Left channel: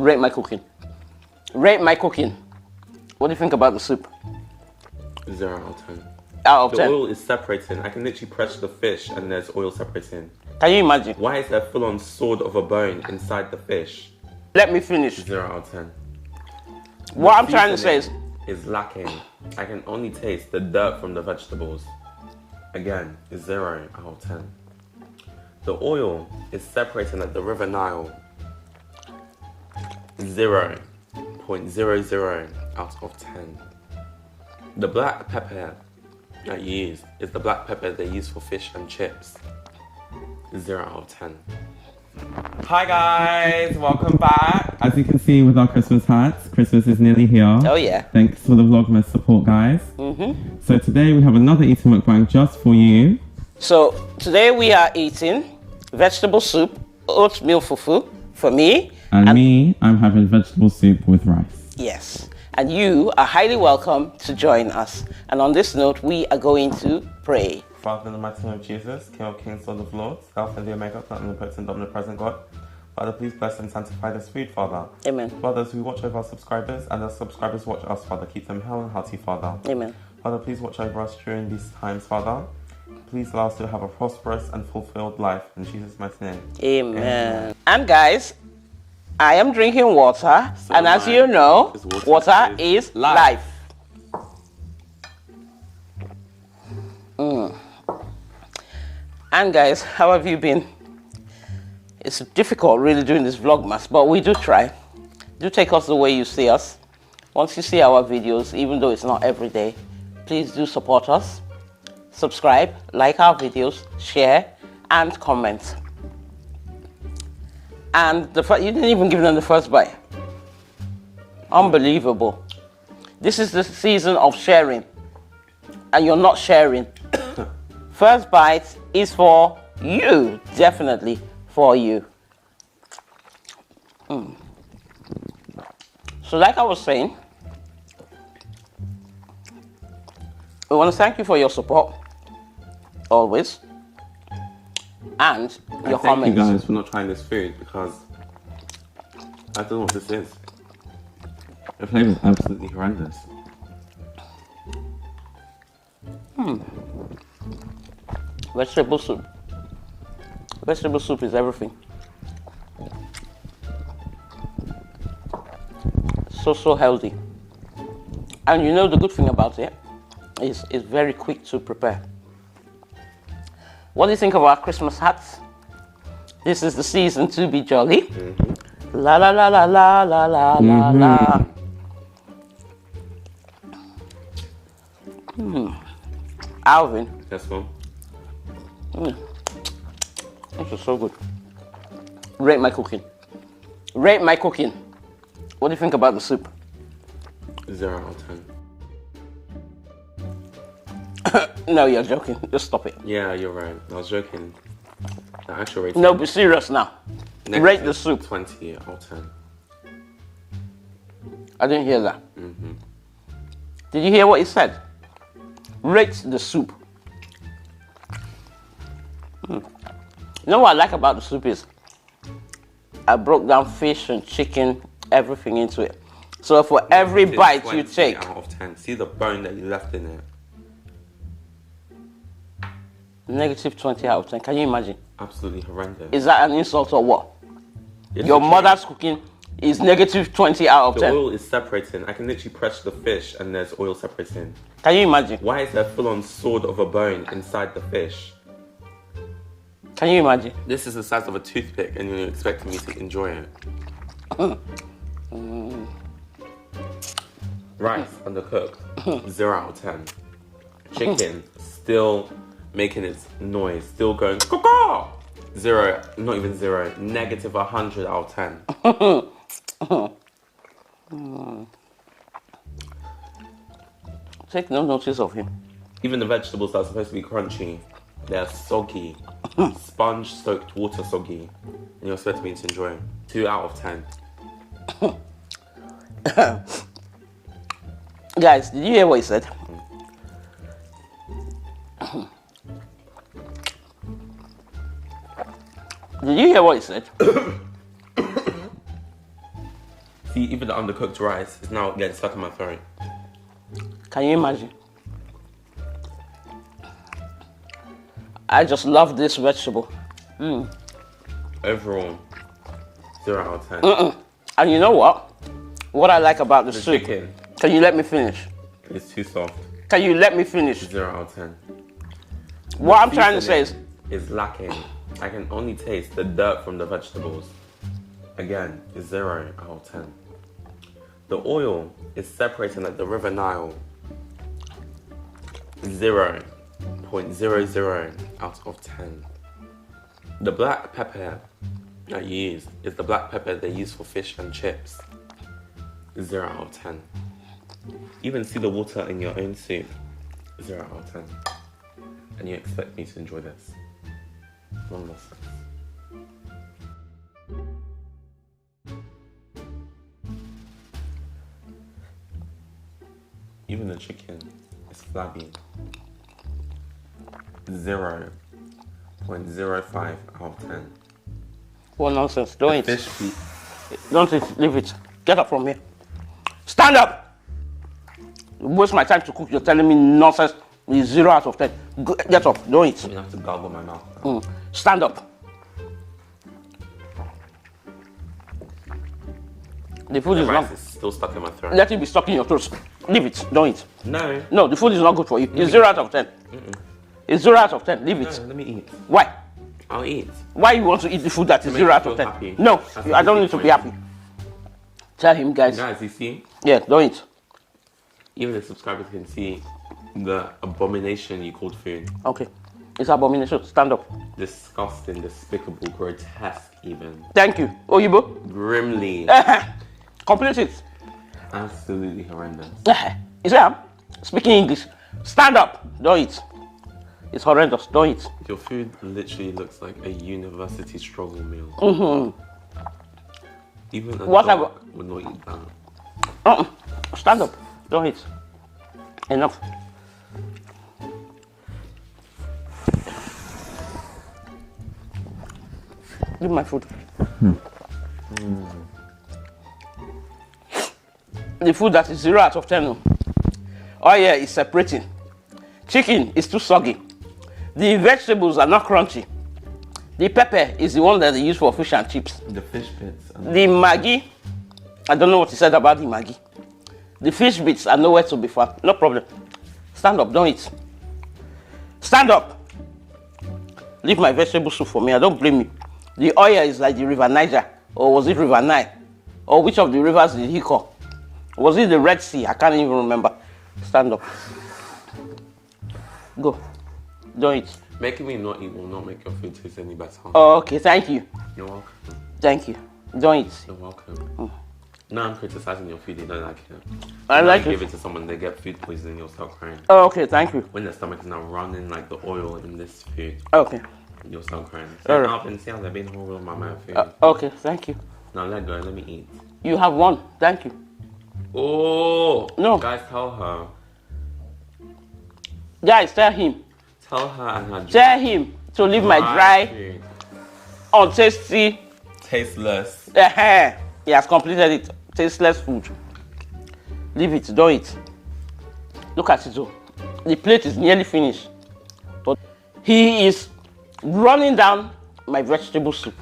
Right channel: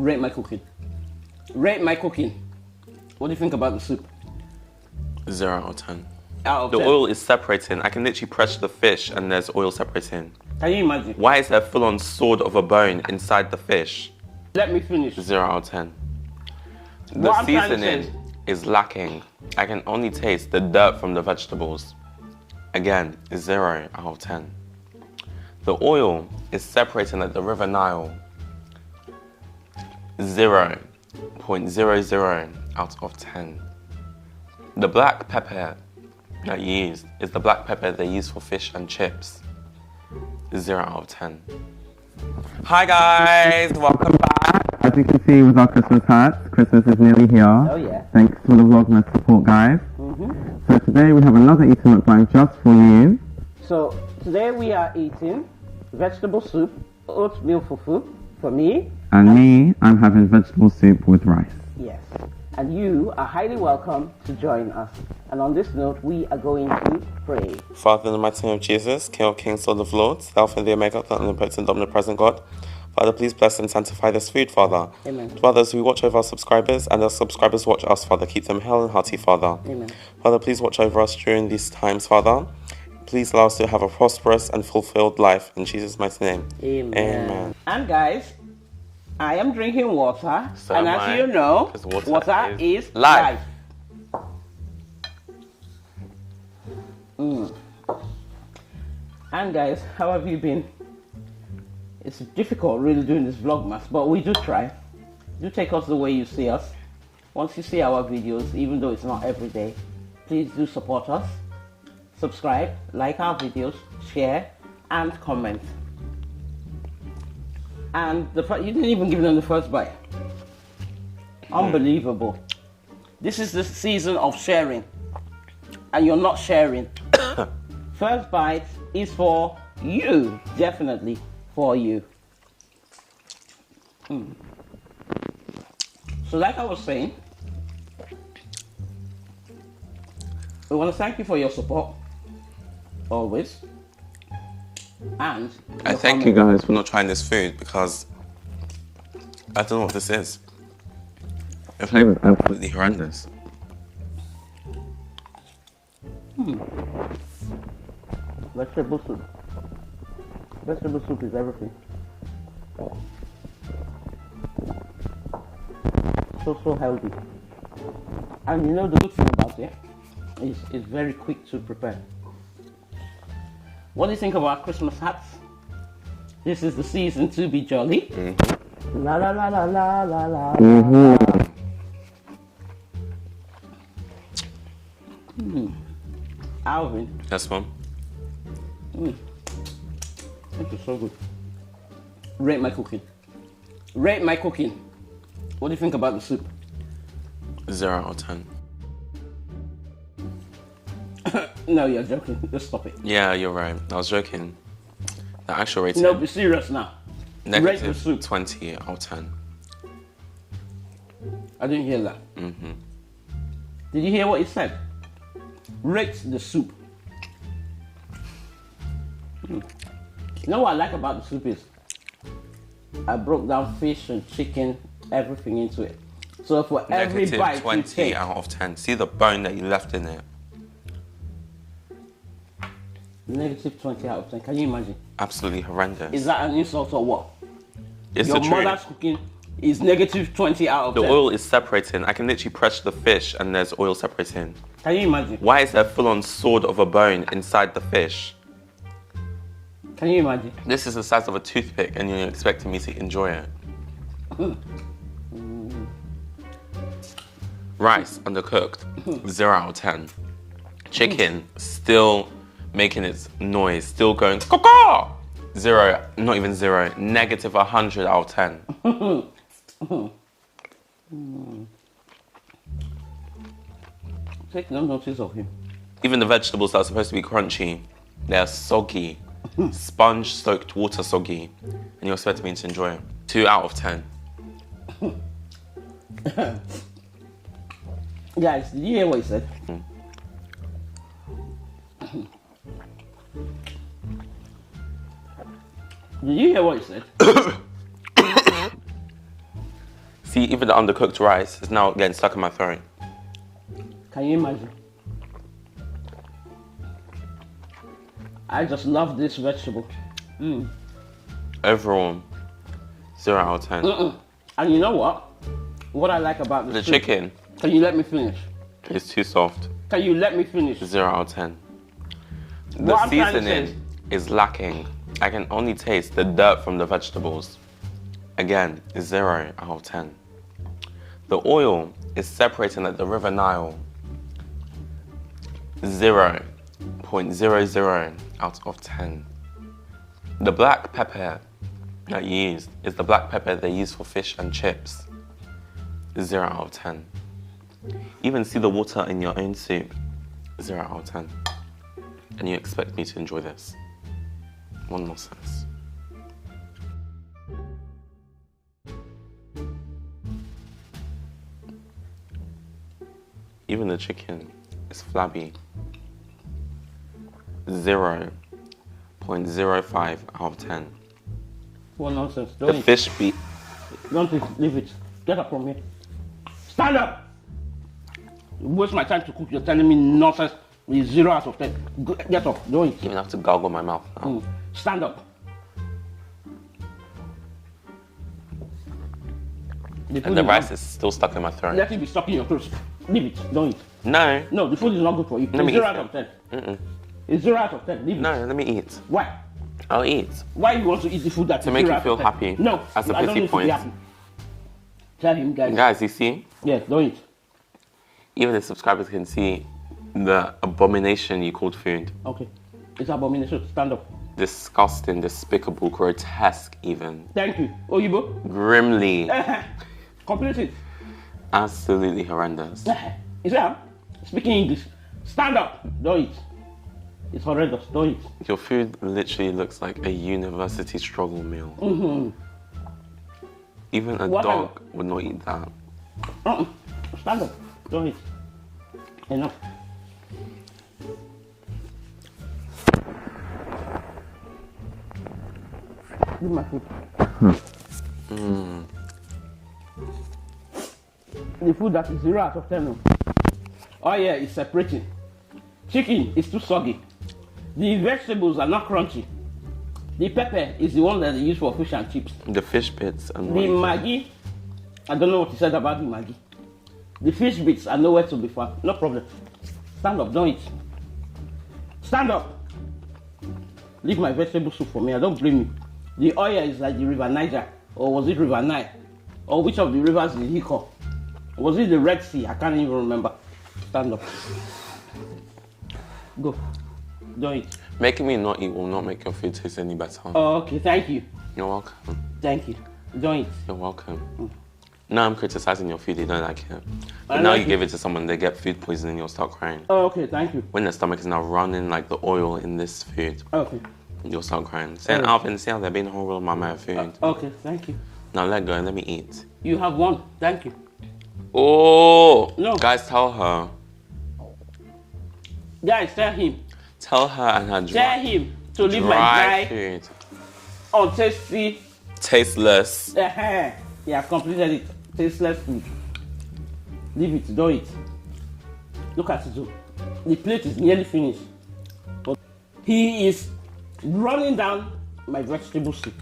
Rate my cooking. Rate my cooking. What do you think about the soup? 0 out of 10. Out of 10. The oil is separating. I can literally press the fish and there's oil separating. Can you imagine? Why is there a full-on sword of a bone inside the fish? Let me finish. 0 out of 10. What I'm trying to say is lacking. I can only taste the dirt from the vegetables. Again, 0 out of 10. The oil is separating like the River Nile. 0.00 out of 10. The black pepper that you use is the black pepper they use for fish and chips. 0 out of 10. Hi guys, welcome back. As you can see with our Christmas hats, Christmas is nearly here. Oh yeah. Thanks for the Vlogmas support, guys. So today we have another eating mukbang just for you. So today we are eating vegetable soup, oatmeal fufu for me. And me, I'm having vegetable soup with rice. Yes. And you are highly welcome to join us. And on this note, we are going to pray. Father, in the mighty name of Jesus, King of Kings, Lord of Lords, Alpha and the Omega, the omnipotent, omnipresent God. Father, please bless and sanctify this food, Father. Amen. Fathers, we watch over our subscribers, and our subscribers watch us, Father. Keep them hale and hearty, Father. Amen. Father, please watch over us during these times, Father. Please allow us to have a prosperous and fulfilled life. In Jesus' mighty name. Amen. Amen. And guys, I am drinking water. So and as you know, water is life. And guys, how have you been? It's difficult really doing this vlogmas, but we do try. Do take us the way you see us. Once you see our videos, even though it's not every day, please do support us. Subscribe, like our videos, share, and comment. And you didn't even give them the first bite. Unbelievable. This is the season of sharing, and you're not sharing. First bite is for you, definitely for you. So like I was saying, we want to thank you for your support, always. And I thank you guys for not trying this food because I don't know what this is. The flavor is absolutely horrendous. Vegetable soup. Vegetable soup is everything. So healthy. And you know the good thing about it is it's very quick to prepare. What do you think of our Christmas hats? This is the season to be jolly. La la la la la la la la. Alvin. Yes, Mom. This is so good. Rate my cooking. Rate my cooking. What do you think about the soup? 0 out of 10. No, you're joking. Just stop it. Yeah, you're right. I was joking. The actual rating. No, be serious now. Rate the soup. 20 out of 10. I didn't hear that. Did you hear what he said? Rate the soup. You know what I like about the soup is I broke down fish and chicken, everything into it. So for every bite you take, out of 10. See the bone that you left in it. negative 20 out of 10. Can you imagine? Absolutely horrendous. Is that an insult or what? It's Your the mother's truth. cooking is negative 20 out of The 10. oil is separating. I can literally press the fish and there's oil separating. Can you imagine? Why is there a full-on sword of a bone inside the fish? Can you imagine? This is the size of a toothpick and you're expecting me to enjoy it. Rice, undercooked, 0 out of 10. Chicken, still making its noise, still going, caw-caw! 0, not even 0, negative 100 out of 10. Take no notice of him. Even the vegetables that are supposed to be crunchy, they're soggy, sponge-soaked water soggy, and you're expecting me to enjoy it. 2 out of 10. Guys, did you hear what he said? Did you hear what he said? See, even the undercooked rice is now getting stuck in my throat. Can you imagine? I just love this vegetable. Overall, 0 out of 10. And you know what? What I like about the The soup. chicken Can you let me finish? is too soft. Can you let me finish? 0 out of 10. What The I'm trying to say seasoning is lacking. I can only taste the dirt from the vegetables. Again, 0 out of 10. The oil is separating like the River Nile. 0.00 out of 10. The black pepper that you used is the black pepper they use for fish and chips. 0 out of 10. Even see the water in your own soup. 0 out of 10. And you expect me to enjoy this? One more sense. Even the chicken is flabby. 0.05 out of 10. What nonsense. Don't The eat. fish be Don't eat. Leave it. Get up from here. Stand up! You waste my time to cook. You're telling me nonsense. It's 0 out of 10. Get up. Don't eat. you have to gargle my mouth. Stand up. The food The is rice not. is still stuck in my throat. Let it be stuck in your throat. Leave it. Don't eat. No. No, the food is not good for you. It's me 0 eat. out of 10. It's 0 out of 10. Leave No, it. let me eat. Why? I'll eat. Why you want to eat the food that is make 0 you out feel of 10? happy. No, That's a I don't 50 need to be points. happy. Tell him, guys. Guys, you see? Yeah, don't eat. Even the subscribers can see the abomination you called food. Okay. It's abomination. Stand up. Disgusting, despicable, grotesque even. Thank you. Oyibo. Grimly. Complete it. Absolutely horrendous. You see, I'm speaking English. Stand up. Don't eat. It's horrendous. Don't eat. Your food literally looks like a university struggle meal. Even a What dog would not eat that. Stand up. Don't eat. Enough. Give my food. The food that is 0 out of 10. Oh yeah, it's separating. Chicken is too soggy. The vegetables are not crunchy. The pepper is the one that they use for fish and chips. The fish bits. And The Maggi, I don't know what he said about the Maggi. The fish bits are nowhere to be found. No problem. Stand up, don't eat. Stand up. Leave my vegetable soup for me. I don't blame you. The oil is like the River Niger, or was it River Nile? Or which of the rivers did he call? Was it the Red Sea? I can't even remember. Stand up. Go. Don't eat. Making me not eat will not make your food taste any better. Oh, okay, thank you. You're welcome. Thank you. Don't eat. You're welcome. Now I'm criticizing your food, you don't like it. I But now like you it. give it to someone, they get food poisoning, you'll start crying. Oh, okay, thank you. When their stomach is now running like the oil in this food, Okay. you'll start crying. Saying, Alvin, see how they're being horrible with my food. Okay, thank you. Now let go and let me eat. You have one. Thank you. Oh! No. Guys, tell her. Guys, tell him. Tell her and her Tell him to leave my dry, food. untasty. Tasteless. He has completed it. Tasteless food. Leave it. Don't eat. Look at it though. The plate is nearly finished. But he is running down my vegetable soup.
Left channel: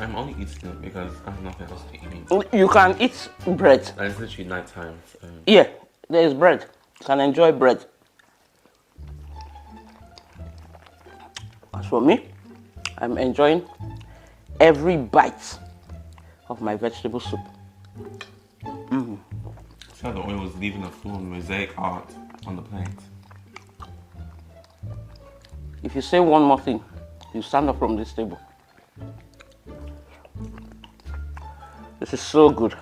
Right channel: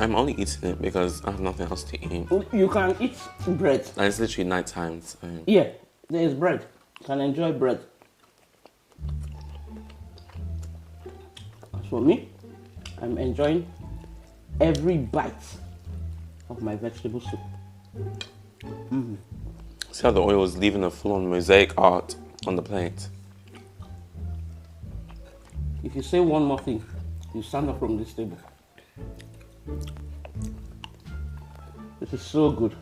I'm only eating it because I have nothing else to eat. You can eat bread. And it's literally night time. So. Yeah, there is bread. You can enjoy bread. As for me, I'm enjoying every bite of my vegetable soup. See how the oil is leaving a full-on mosaic art on the plate. If you say one more thing, you stand up from this table. This is so good.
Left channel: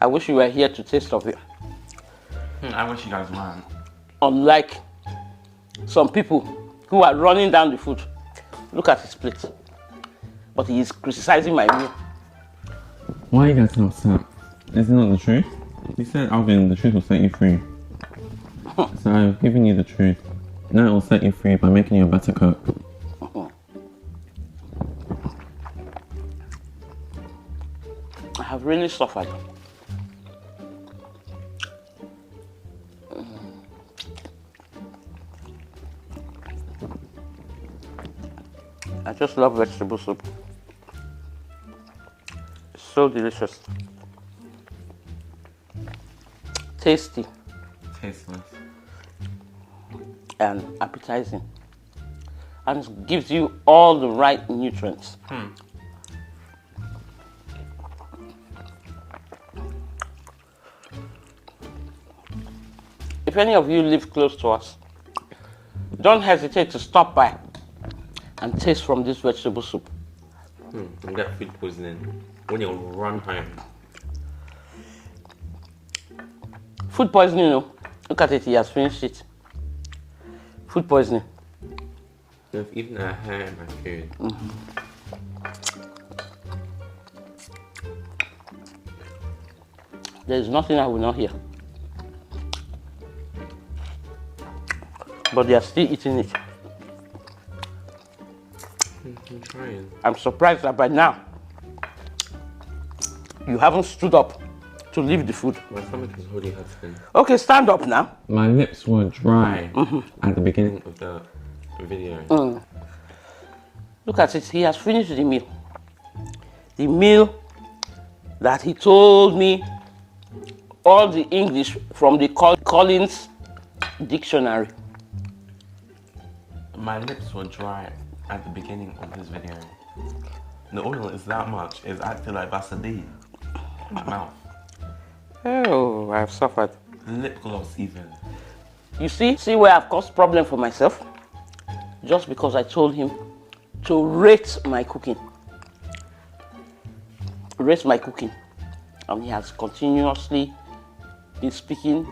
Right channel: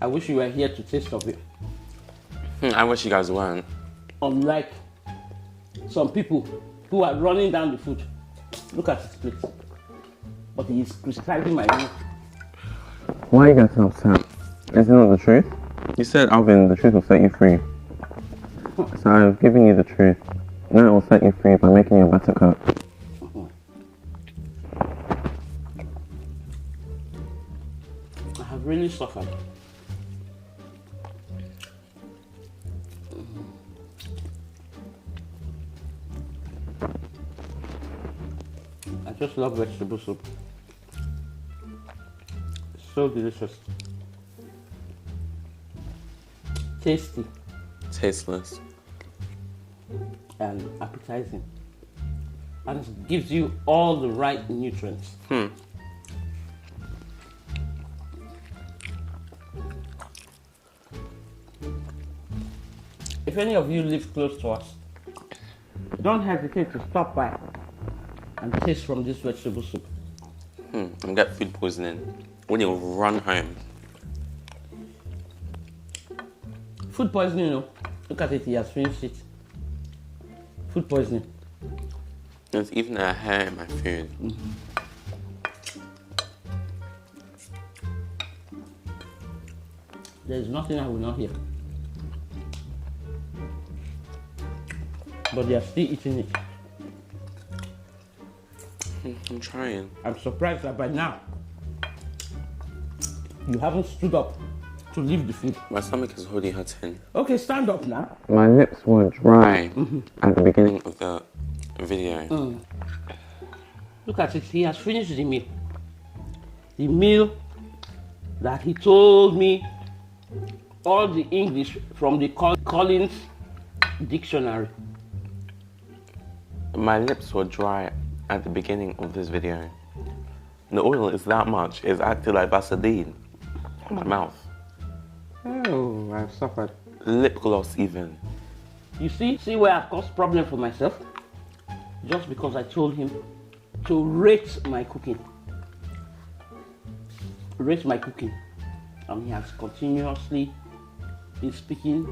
I wish you were here to taste of it. I wish you guys weren't. Unlike some people who are running down the food. Look at his plate. But he is criticizing my meal. Why are you getting upset? Is it not the truth? You said, Alvin, the truth will set you free. So I've given you the truth. Now it will set you free by making you a better cook. I have really suffered. I just love vegetable soup. It's so delicious. Tasty. Tasteless. And appetizing. And it gives you all the right nutrients. If any of you live close to us, don't hesitate to stop by and taste from this vegetable soup. And get food poisoning when you run home. Food poisoning, you know. Look at it, he has finished it. Food poisoning. There's even a hair in my food. There is nothing I will not hear. But they are still eating it. I'm trying. I'm surprised that by now you haven't stood up to leave the food. My stomach is already hurting. Okay, stand up now. My lips were dry at the beginning of the video. Look at it, he has finished the meal. The meal that he told me all the English from the Collins dictionary. My lips were dry at the beginning of this video. The oil is that much, it's acting like Vaseline in my mouth. Oh, I've suffered. Lip gloss even. You see where I've caused problem for myself? Just because I told him to rate my cooking. Rate my cooking. And he has continuously been speaking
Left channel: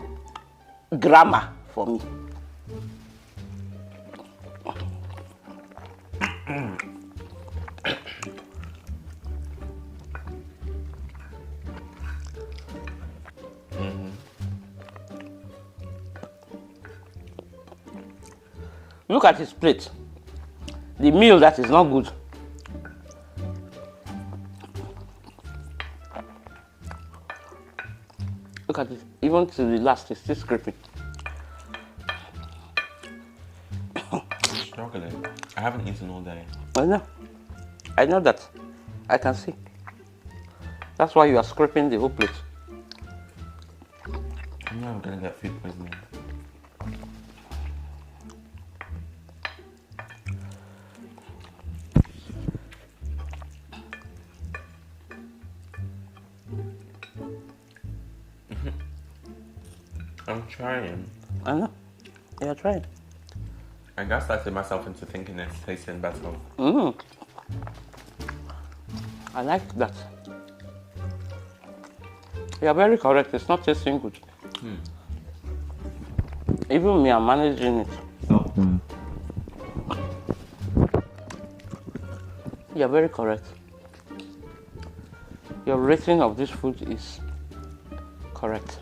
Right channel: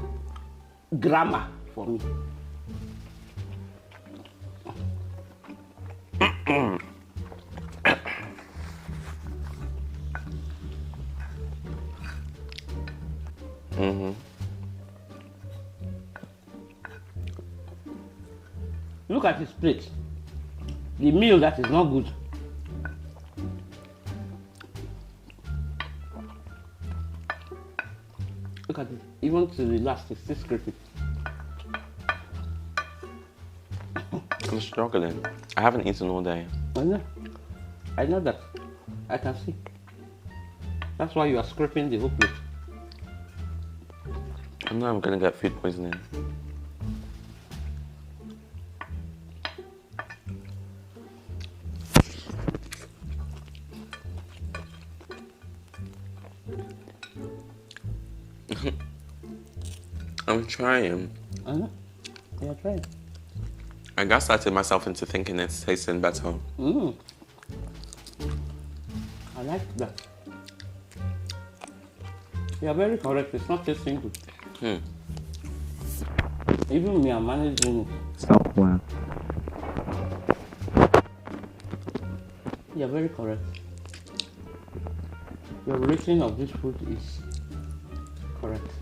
grammar for me. Look at his plate. The meal that is not good. Look at it. Even to the last, it's still scraping. I'm struggling. I haven't eaten all day. I know. I know that. I can see. That's why you are scraping the whole plate. I know I'm gonna get food poisoning. I'm trying. I know. You're trying. I gaslighted myself into thinking it's tasting better. I like that. You're very correct. It's not tasting good. Even me, I'm managing it. Self-aware. You're very correct. Your rating of this food is correct.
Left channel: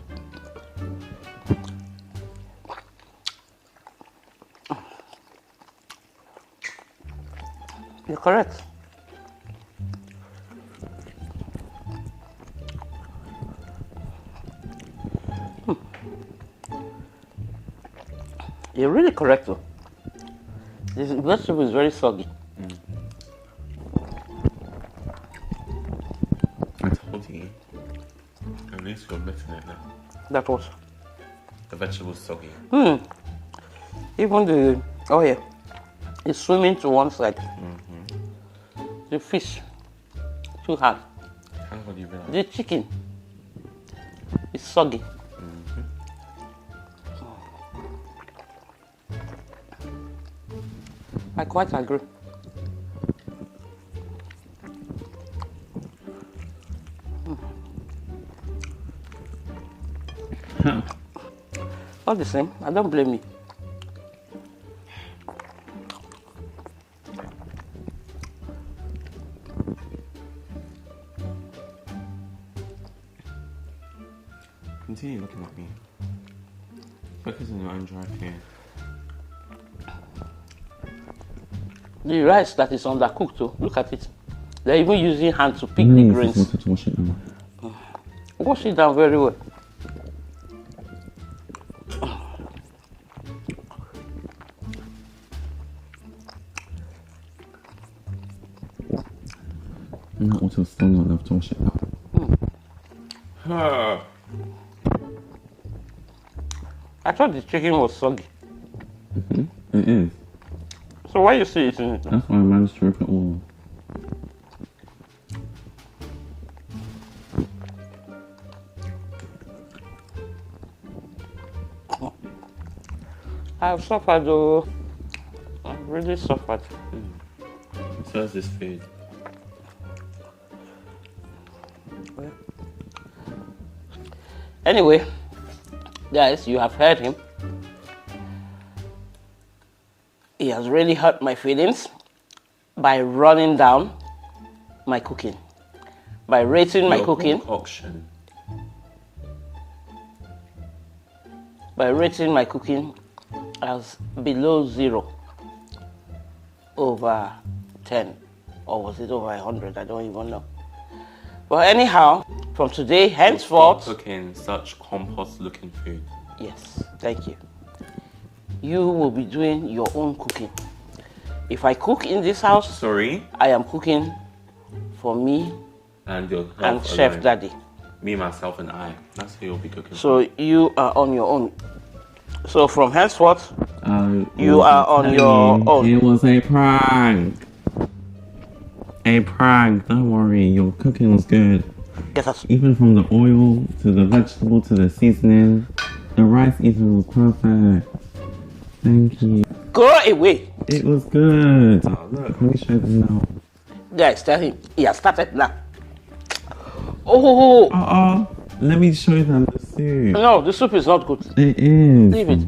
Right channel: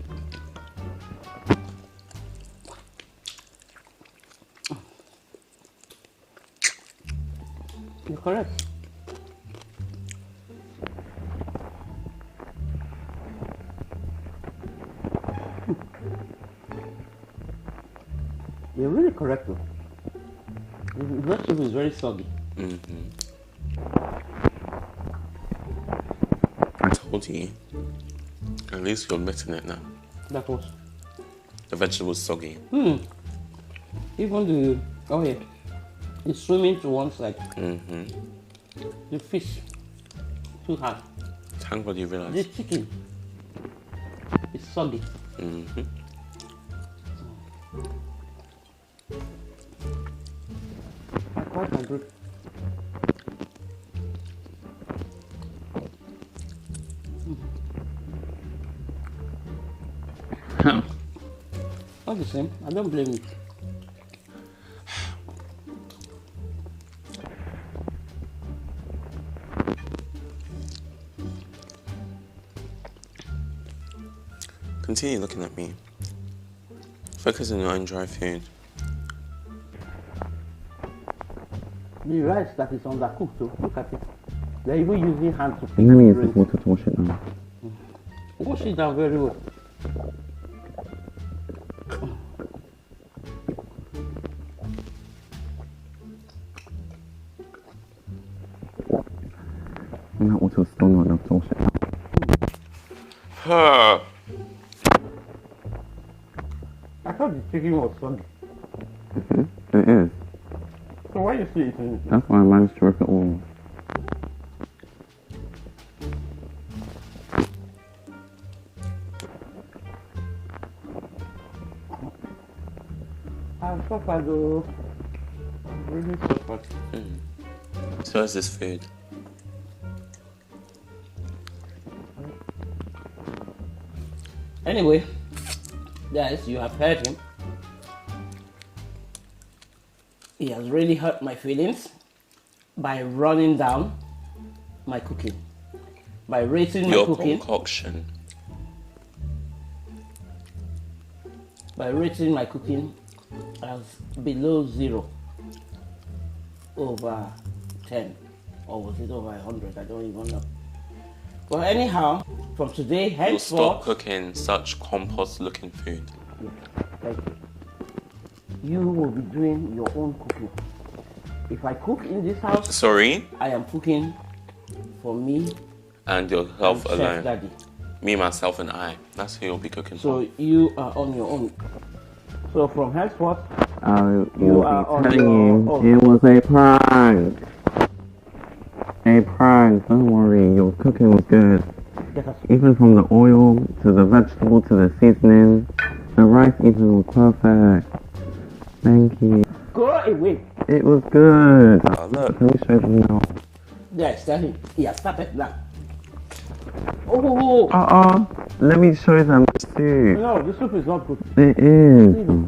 You're correct. You're really correct though. This vegetable is very soggy. I told you. At least you're admitting it now. That was. The vegetable's soggy. Even the, oh yeah, it's swimming to one side. The fish, too hard. Thank God you realized. The chicken is soggy. I quite agree. All the same, I don't blame you. Continue looking at me. Focus on your own dry food. The rice that is undercooked too, look at it. They're even using hand to pick And then the use grains. this water to wash it down. Wash it down very well. And that water was still not enough to wash it down. I thought the chicken was soggy. It is. So why are you still eating it? That's why I managed to rip it all. I've suffered though. I've really suffered. So is this food. Anyway, guys, you have heard him. He has really hurt my feelings by running down my cooking, by rating my Your cooking, concoction. by rating my cooking as below 0 over 10, or was it over 100? I don't even know. But anyhow, from today You'll henceforth, stop cooking such compost-looking food. yes, thank you. You will be doing your own cooking. If I cook in this house, Sorry, I am cooking for me and your and health Chef alone. Daddy. Me, myself, and I. That's who you'll be cooking for. So you are on your own. So from henceforth, you was are on telling your you, own. It was a prank. A prank. Don't worry, your cooking was good. Get us. Even from the oil to the vegetable to the seasoning, the rice even was perfect. Thank you. Go away. It was good. Oh, look. Let me show them now. Guys, tell him. He has started now. Oh, Let me show them the soup. no, the soup is not good. It is. Leave it.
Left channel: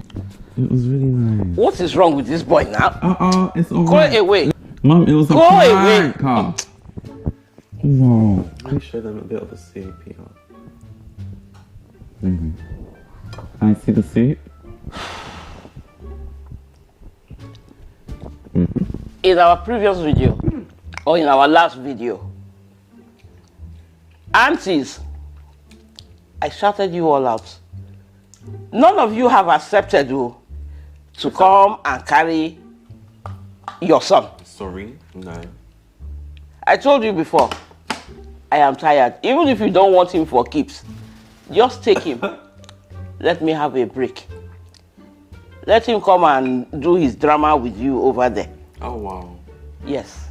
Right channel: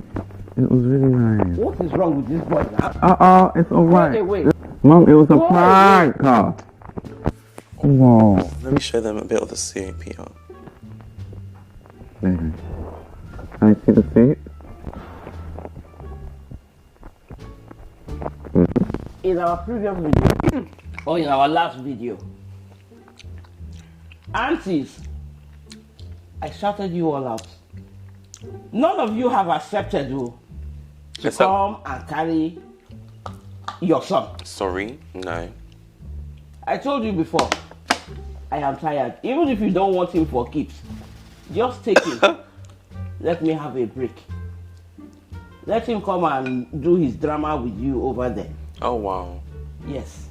It was really nice. What is wrong with this boy now? It's Go alright. away. Mom, it was a Go away. prank. Whoa. Let me show them a bit of the soup here. There you go. Can I see the soup? In our previous video, or in our last video, aunties, I shouted you all out. None of you have accepted to Except- come and carry your son. Sorry, no. I told you before, I am tired. Even if you don't want him for keeps, just take him. Let me have a break. Let him come and do his drama with you over there. Oh, wow. Yes.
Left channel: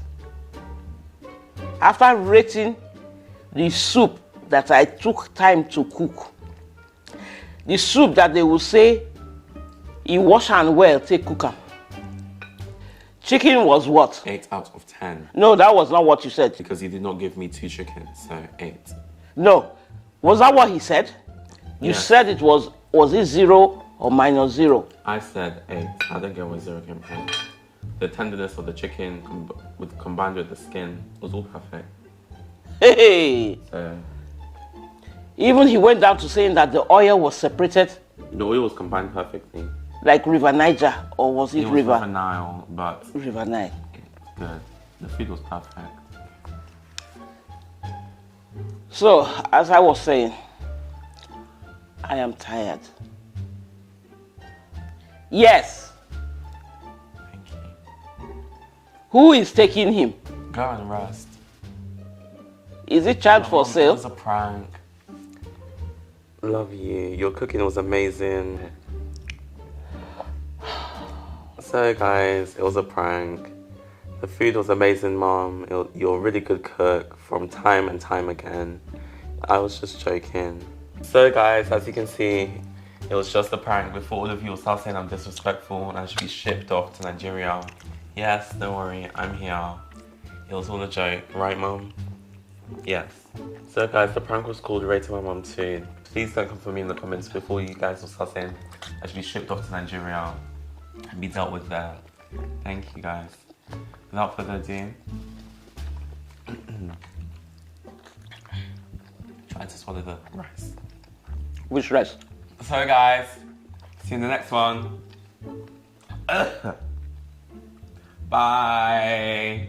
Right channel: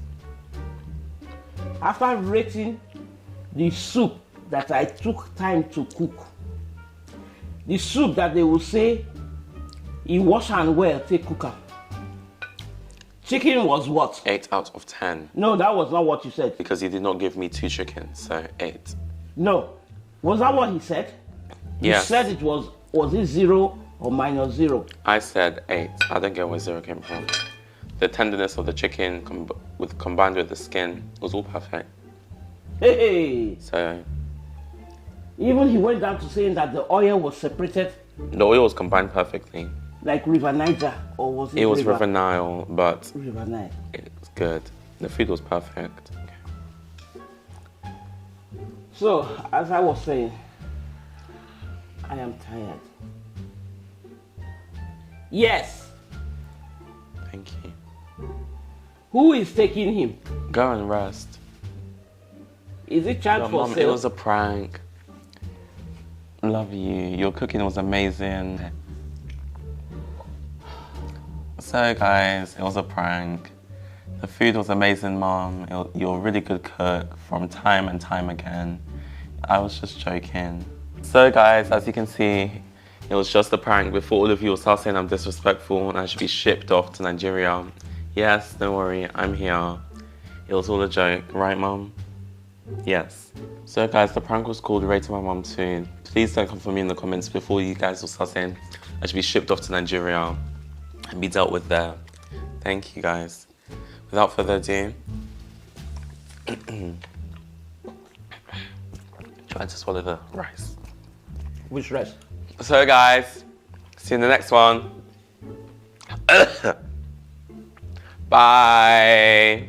After rating the soup that I took time to cook, the soup that they will say, he wash and well, take cook am. Chicken was what? 8 out of 10. No, that was not what you said. Because you did not give me 2 chickens, so 8. No. Was that what he said? You Yes. said it was it 0 or -0? I said 8. I don't get where 0 came from. The tenderness of the chicken combined with the skin was all perfect. Hey! So Even he went down to saying that the oil was separated the oil was combined perfectly. like River Niger, or was it, It was River Nile, but River Nile? it's good. The food was perfect. So, as I was saying, I am tired. Yes. Thank you. Who is taking him? Go and rest. Is it child for Mom, it sale? was a prank. I love you. Your cooking was amazing. So guys, it was a prank. The food was amazing, Mom. You're a really good cook from time and time again. I was just joking. So guys, as you can see, it was just a prank before all of you will start saying I'm disrespectful and I should be shipped off to Nigeria. Yes, don't worry, I'm here. It was all a joke, right, Mom? Yes. So guys, the prank was called Rating My Mom Too. Please don't come for me in the comments before you guys will start saying I should be shipped off to Nigeria and be dealt with there. Thank you guys. Without further ado, try to swallow the rice. Which rice? So guys, see you in the next one. Bye.